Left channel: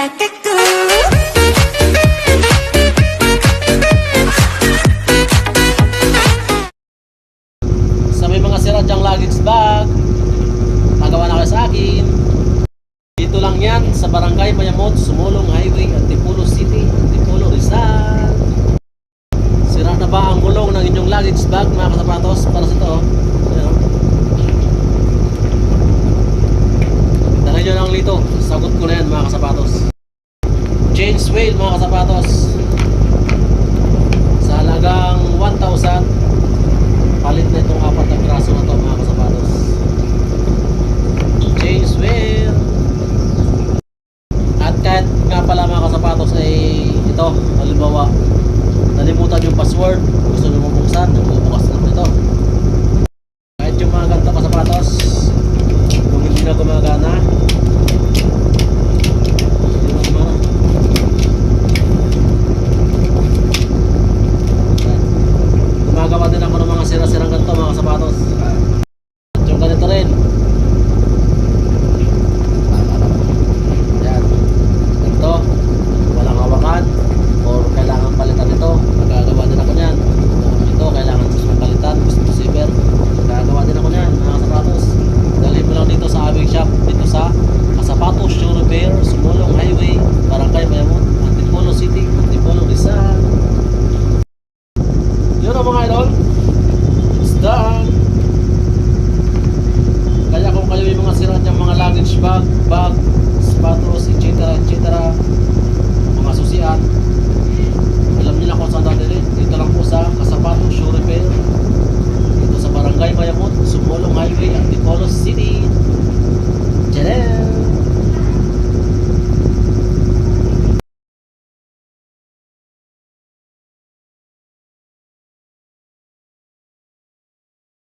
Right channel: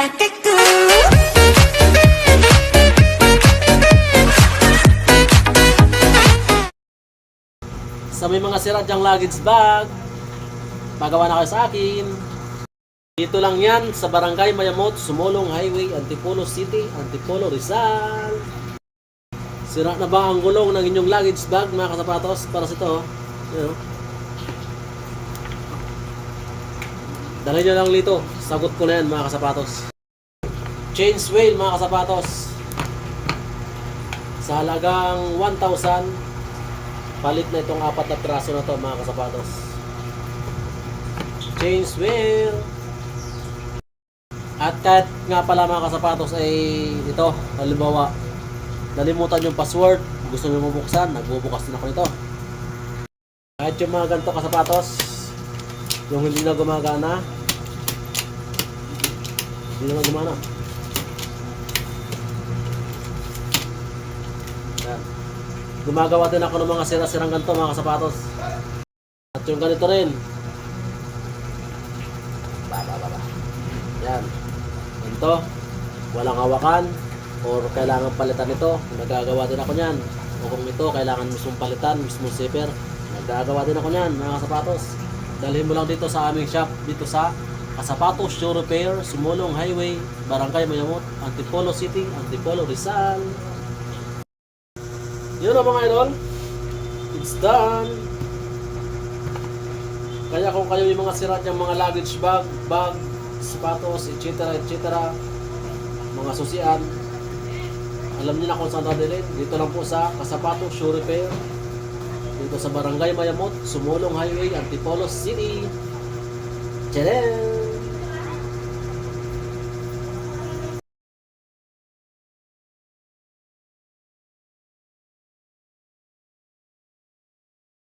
ಬೆಕ್ಕಕ್ಕೂ Sa may mga sira dyang luggage bag, magawa na kayo sa akin. Dito lang yan sa Barangay Mayamot, Sumulong Highway, Antipolo City, Antipolo, Rizal. Sira na ba ang gulong ng inyong luggage bag mga kasapatos? Para sa ito, oh. you oh. know, nyo lang dito. Sagot ko na yan mga kasapatos. Chains wheel mga kasapatos. Sa halagang 1,000 palit na itong apat na piraso na to mga kasapatos. Chains wheel. At kahit nga pala mga kasapatos ay ito, halimbawa, nalimutan yung password, gusto nyo mabuksan, nagbubukas na ako nito. Kahit yung mga ganito kasapatos, yung hindi na gumagana, hindi na gumana. Yan. Gumagawa din ako ng mga sira-sirang ganito mga kasapatos. At yung ganito rin. Baba, baba. Yan. Ganito. Walang hawakan. Or kailangan palitan ito. Magagawa din ako niyan. O kung ito, kailangan mismo palitan, mismo saver. Magagawa din ako niyan, mga kasapatos. Dalhin mo lang dito sa aming shop, dito sa Kasapatos Show Repair, Sumulong Highway, Barangay Mayamot, Antipolo City, Antipolo Rizal. Yun ang mga idol. It's done. Kaya kung kayo yung mga sira niyang mga luggage bag, bag, sapatos, etc. etc. mga susian, alam niyo na kung saan dadalhin. Dito lang po sa Kasapatos Show Repair. Dito sa Barangay Mayamot, Sumulong Highway, Antipolo City. Tcharam!